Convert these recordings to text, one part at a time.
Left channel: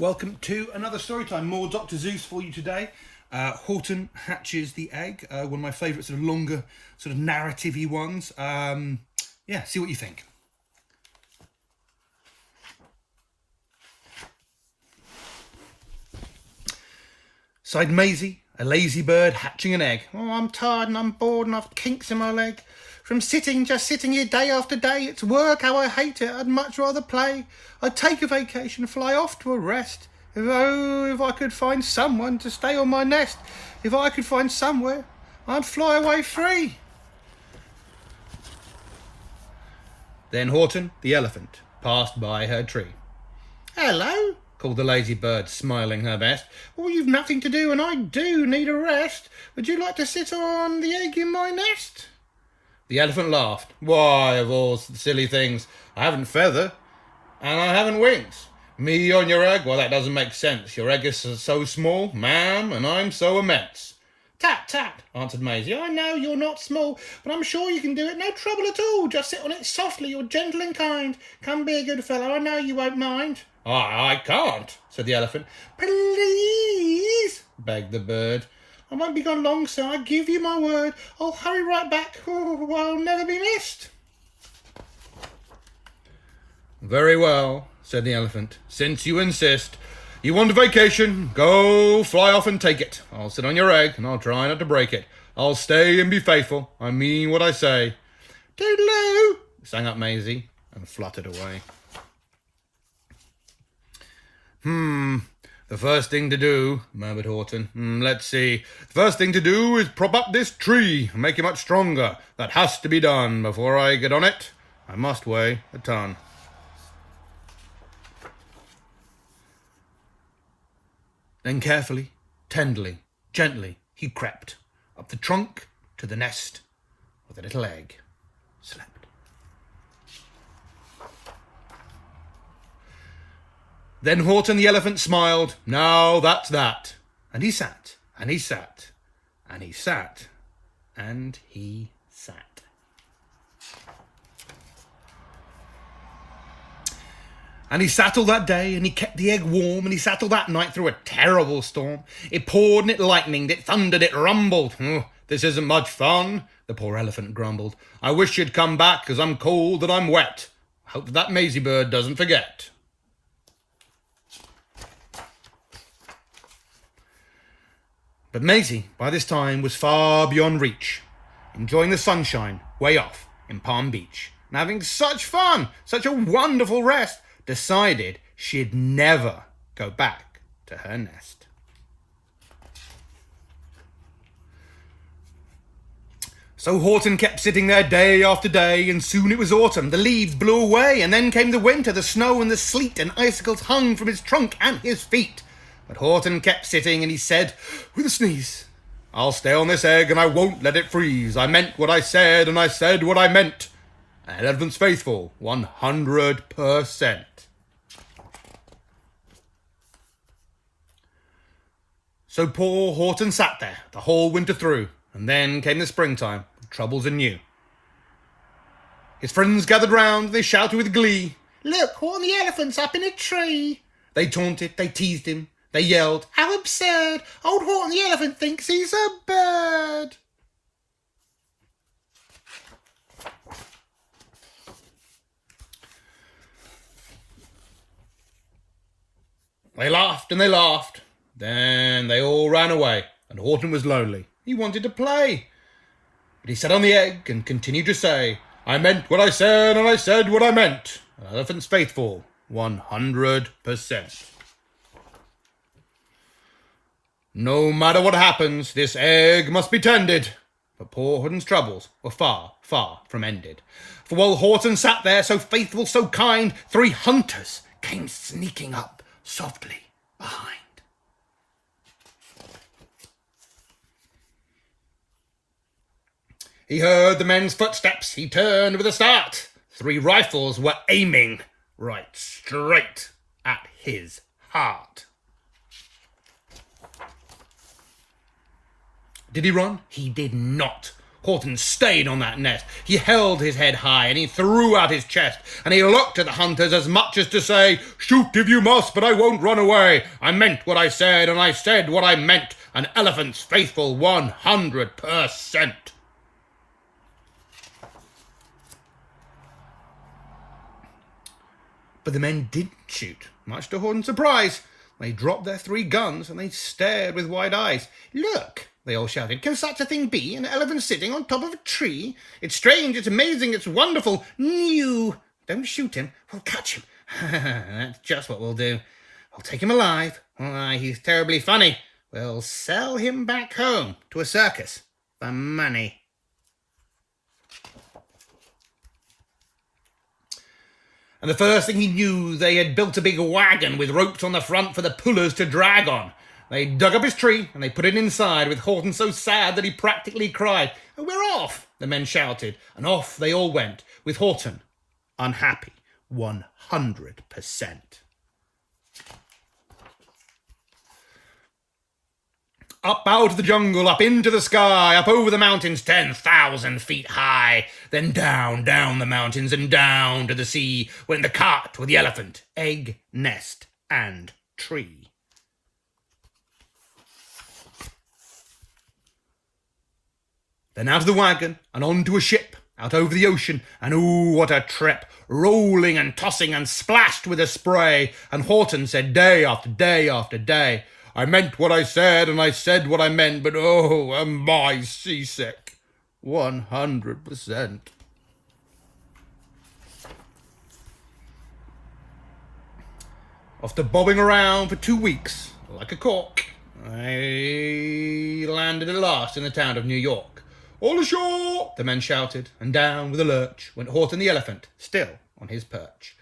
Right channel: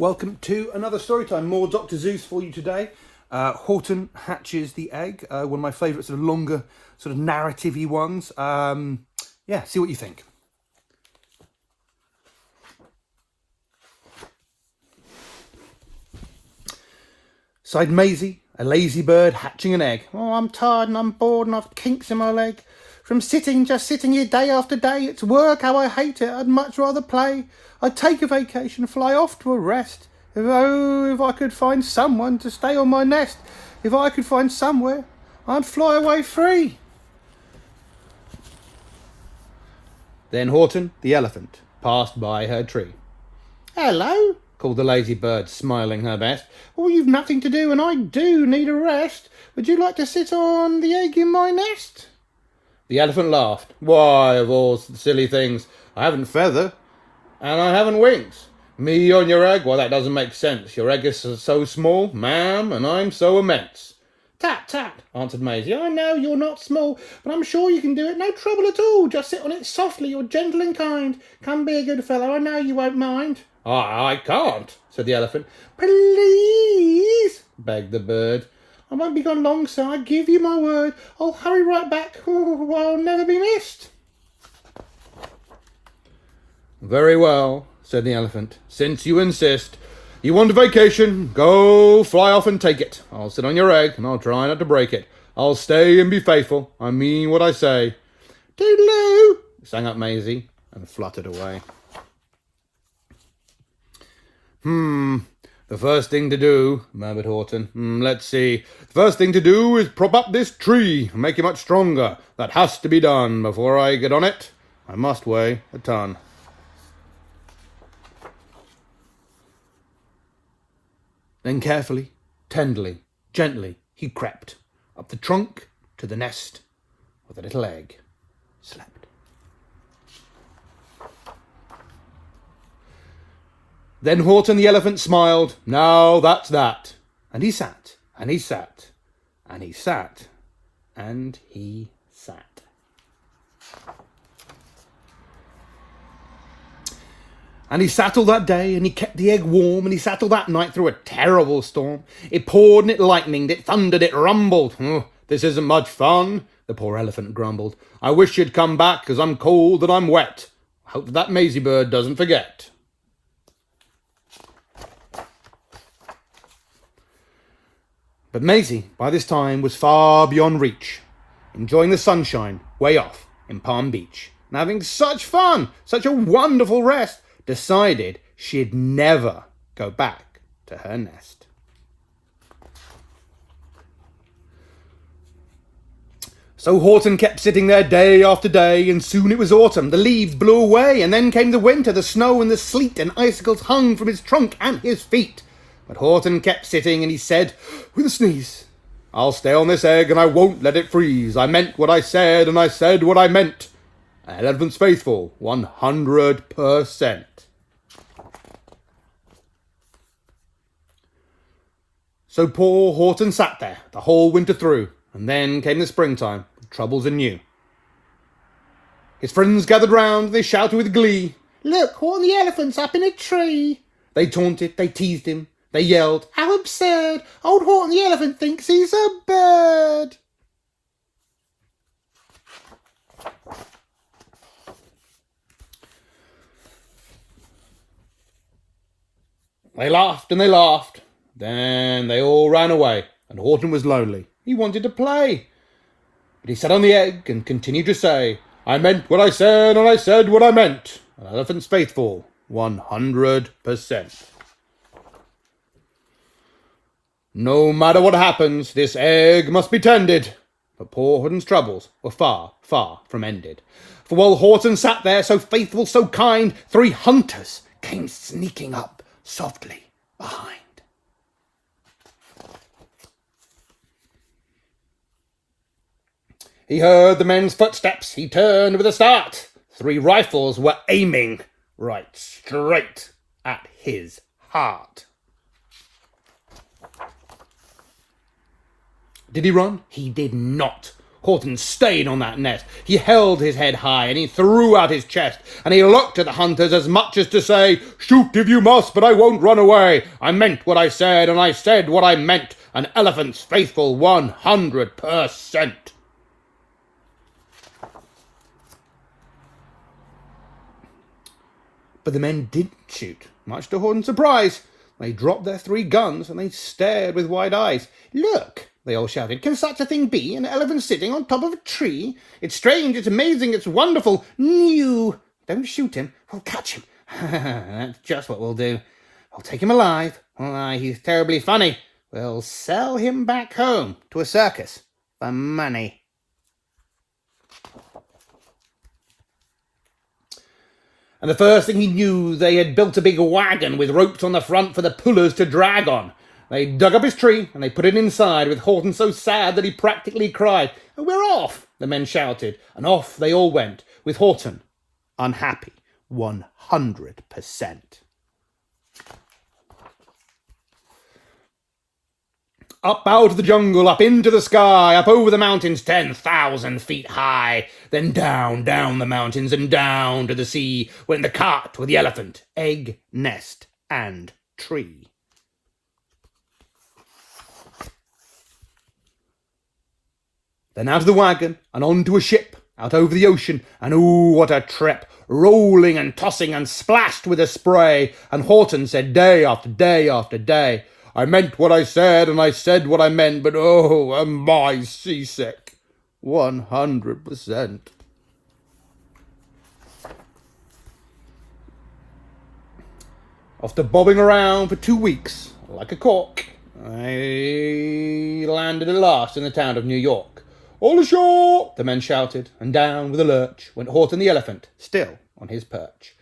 Welcome to another story time. More Dr. Zeus for you today. Horton hatches the egg. One of my favourite sort of longer, sort of narrative-y ones. Yeah, see what you think. Sighed Maisie, a lazy bird hatching an egg. Oh, I'm tired and I'm bored and I've kinks in my leg. From just sitting here day after day. It's work, how I hate it. I'd much rather play. I'd take a vacation, fly off to a rest. If I could find someone to stay on my nest. If I could find somewhere, I'd fly away free. Then Horton, the elephant, passed by her tree. Hello, called the lazy bird, smiling her best. Oh, you've nothing to do and I do need a rest. Would you like to sit on the egg in my nest? The elephant laughed. Why, of all silly things, I haven't feather and I haven't wings. Me on your egg? Well, that doesn't make sense. Your egg is so small, ma'am, and I'm so immense. Tat, tat, answered Maisie. I know you're not small, but I'm sure you can do it. No trouble at all. Just sit on it softly. You're gentle and kind. Come be a good fellow. I know you won't mind. I can't, said the elephant. Please, begged the bird. I won't be gone long, sir. I give you my word. I'll hurry right back. Oh, I'll never be missed. Very well, said the elephant. Since you insist, you want a vacation, go fly off and take it. I'll sit on your egg and I'll try not to break it. I'll stay and be faithful. I mean what I say. Toodaloo, sang up Maisie and fluttered away. The first thing to do, murmured Horton. Let's see. The first thing to do is prop up this tree and make it much stronger. That has to be done. Before I get on it, I must weigh a ton. Then carefully, tenderly, gently, he crept up the trunk to the nest where the little egg slept. Then Horton the elephant smiled. Now that's that. And he sat, and he sat, and he sat, and he sat. And he sat all that day, and he kept the egg warm, and he sat all that night through a terrible storm. It poured and it lightened, it thundered, it rumbled. Oh, this isn't much fun, the poor elephant grumbled. I wish you'd come back, 'cause I'm cold and I'm wet. I hope that Maisie bird doesn't forget. But Maisie, by this time, was far beyond reach, enjoying the sunshine way off in Palm Beach, and having such fun, such a wonderful rest, decided she'd never go back to her nest. So Horton kept sitting there day after day, and soon it was autumn. The leaves blew away, and then came the winter. The snow and the sleet and icicles hung from his trunk and his feet. But Horton kept sitting, and he said, with a sneeze, I'll stay on this egg, and I won't let it freeze. I meant what I said, and I said what I meant. An elephant's faithful, 100%. So poor Horton sat there the whole winter through, and then came the springtime, with troubles anew. His friends gathered round, they shouted with glee, Look, Horton the elephant's up in a tree. They taunted, they teased him, they yelled, How absurd! Old Horton the elephant thinks he's a bird. They laughed and they laughed. Then they all ran away, and Horton was lonely. He wanted to play. But he sat on the egg and continued to say, I meant what I said, and I said what I meant. An elephant's faithful, 100%. No matter what happens, this egg must be tended. But poor Horton's troubles were far, far from ended. For while Horton sat there, so faithful, so kind, 3 hunters came sneaking up softly behind. He heard the men's footsteps. He turned with a start. 3 rifles were aiming right straight at his heart. Did he run? He did not. Horton stayed on that nest. He held his head high and he threw out his chest and he looked at the hunters as much as to say, "Shoot if you must, but I won't run away. I meant what I said and I said what I meant. An elephant's faithful 100%. But the men didn't shoot, much to Horton's surprise. They dropped their 3 guns and they stared with wide eyes. "Look," they all shouted, "can such a thing be? An elephant sitting on top of a tree? It's strange, it's amazing, it's wonderful. New. Don't shoot him, we'll catch him." "That's just what we'll do. I'll take him alive. Why, he's terribly funny. We'll sell him back home to a circus for money." And the first thing he knew, they had built a big wagon with ropes on the front for the pullers to drag on. They dug up his tree and they put it inside, with Horton so sad that he practically cried. "We're off," the men shouted, and off they all went, with Horton unhappy 100%. Up out of the jungle, up into the sky, up over the mountains 10,000 feet high. Then down the mountains and down to the sea went the cart with the elephant, egg, nest, and tree. Then out of the wagon and onto a ship, out over the ocean, and ooh, what a trip, rolling and tossing and splashed with the spray. And Horton said day after day after day, "I meant what I said and I said what I meant, but oh, am I seasick 100%. After bobbing around for 2 weeks, like a cork, I landed at last in the town of New York. "All ashore!" the men shouted, and down with a lurch went Horton the elephant, still on his perch.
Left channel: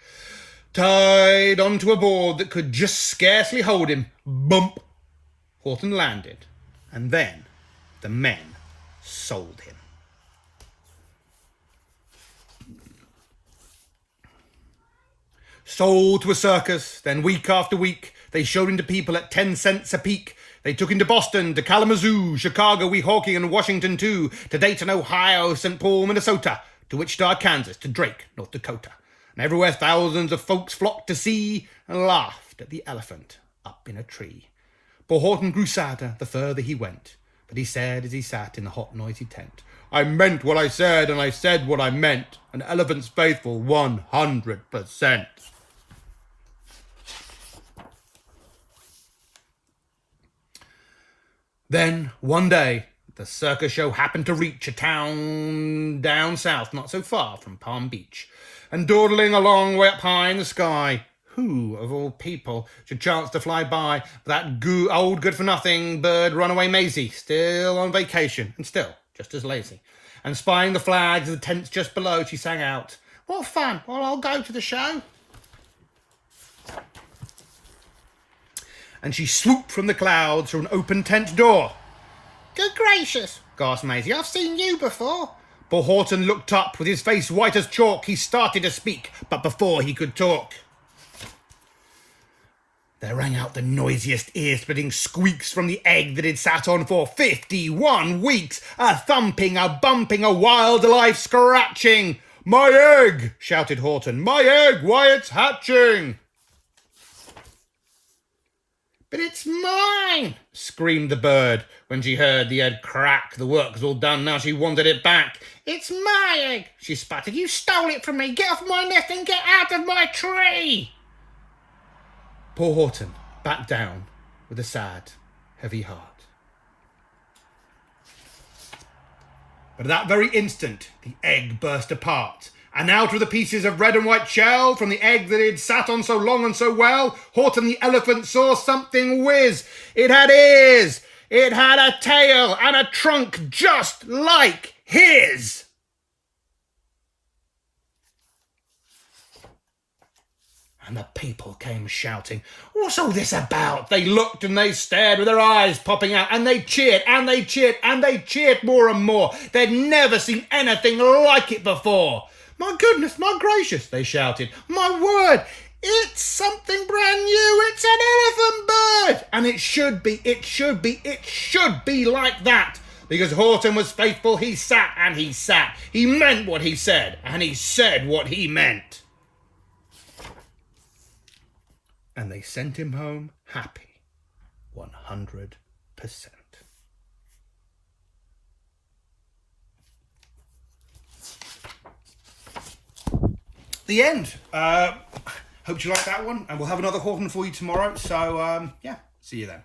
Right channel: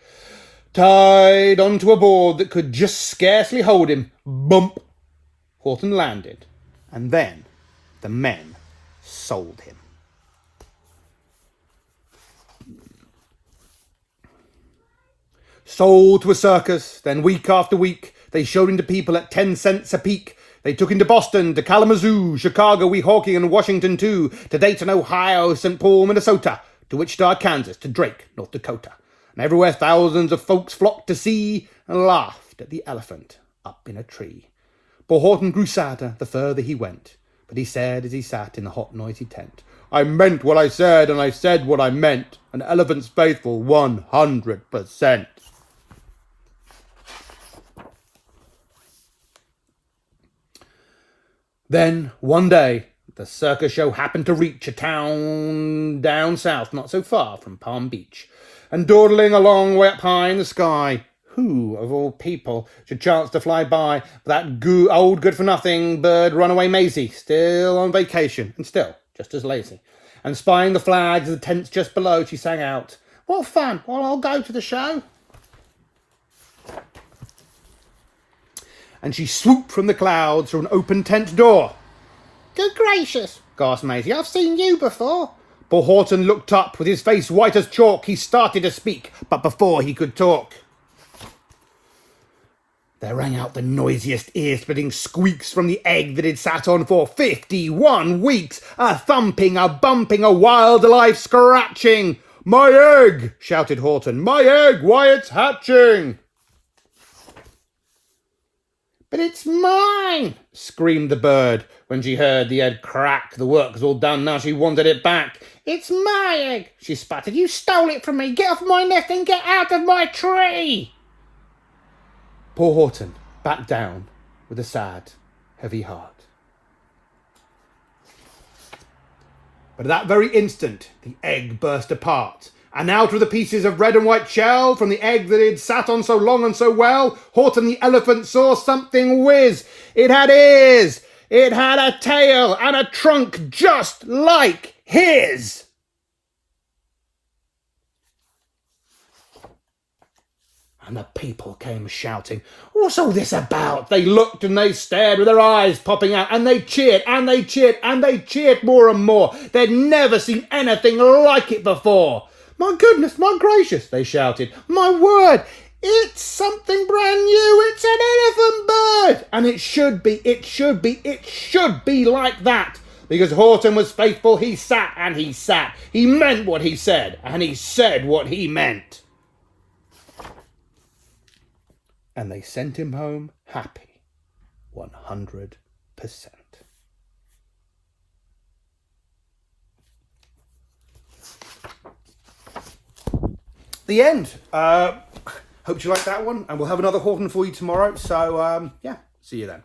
Tied onto a board that could just scarcely hold him, bump, Horton landed, and then the men sold him. Sold to a circus, then week after week, they showed him to people at 10 cents a peek. They took him to Boston, to Kalamazoo, Chicago, Weehawken, and Washington too, to Dayton, Ohio, St. Paul, Minnesota, to Wichita, Kansas, to Drake, North Dakota. And everywhere thousands of folks flocked to see and laughed at the elephant up in a tree. Poor Horton grew sadder the further he went, but he said as he sat in the hot, noisy tent, "I meant what I said and I said what I meant. An elephant's faithful 100%. Then, one day, the circus show happened to reach a town down south, not so far from Palm Beach. And dawdling along way up high in the sky, who, of all people, should chance to fly by that old good-for-nothing bird runaway Maisie, still on vacation, and still just as lazy. And spying the flags of the tents just below, she sang out, "What fun! Well, I'll go to the show." And she swooped from the clouds through an open tent door. "Good gracious," gasped Maisie, "I've seen you before." Poor Horton looked up, with his face white as chalk. He started to speak, but before he could talk, there rang out the noisiest ear-splitting squeaks from the egg that he'd sat on for 51 weeks. A thumping, a bumping, a wild life scratching. "My egg!" shouted Horton. "My egg! Why, it's hatching!" "But it's mine!" screamed the bird when she heard the egg crack. The work was all done, now she wanted it back. "It's my egg!" she sputtered. "You stole it from me! Get off my nest and get out of my tree!" Poor Horton backed down with a sad, heavy heart. But at that very instant, the egg burst apart, and out of the pieces of red and white shell from the egg that he'd sat on so long and so well, Horton the elephant saw something whiz. It had ears, it had a tail, and a trunk just like his. And the people came shouting, "What's all this about?" They looked and they stared with their eyes popping out, and they cheered and they cheered and they cheered more and more. They'd never seen anything like it before. "My goodness, my gracious," they shouted. "My word, it's something brand new. It's an elephant bird. And it should be like that. Because Horton was faithful, he sat and he sat. He meant what he said, and he said what he meant. And they sent him home happy, 100%. The end. Hope you like that one, and we'll have another Horton for you tomorrow. So, yeah, see you then.